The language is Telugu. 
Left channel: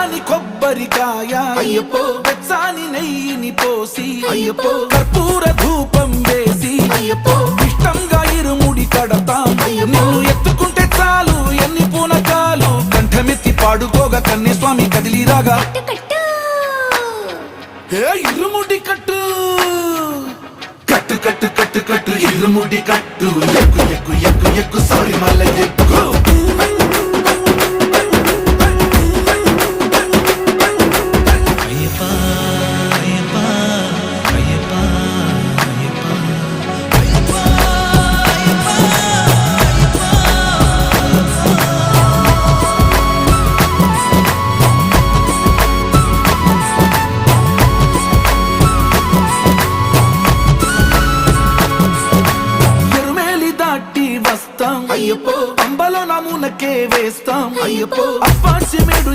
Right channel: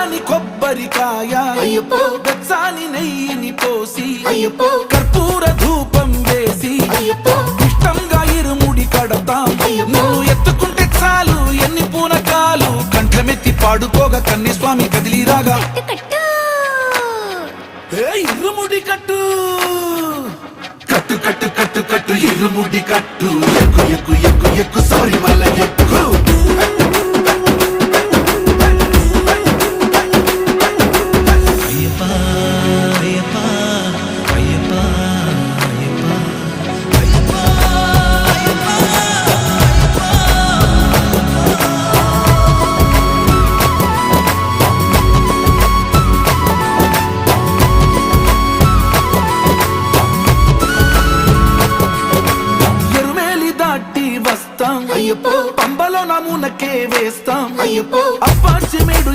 పచ్చాని కొబ్బరికాయ వెచ్చాని నెయ్యిని పోసి కర్పూర ధూపం వేసి ఇష్టంగా ఇరుముడి కడతాం. నువ్వు ఎత్తుకుంటే చాలు ఎన్ని పూనకాలు కంఠమెత్తి పాడుకోగా కన్యస్వామి కదిలిరాగా ఇరుముడి కట్టు కట్టు కట్టు కట్టు కట్టు ఇరుముడి కట్టు ఎక్కు ఎక్కు ఎక్కు ఎక్కు సారి మల్ల ఎక్కు వస్తాం పంబలో నమూనకే వేస్తాం అప్పాచి మేడు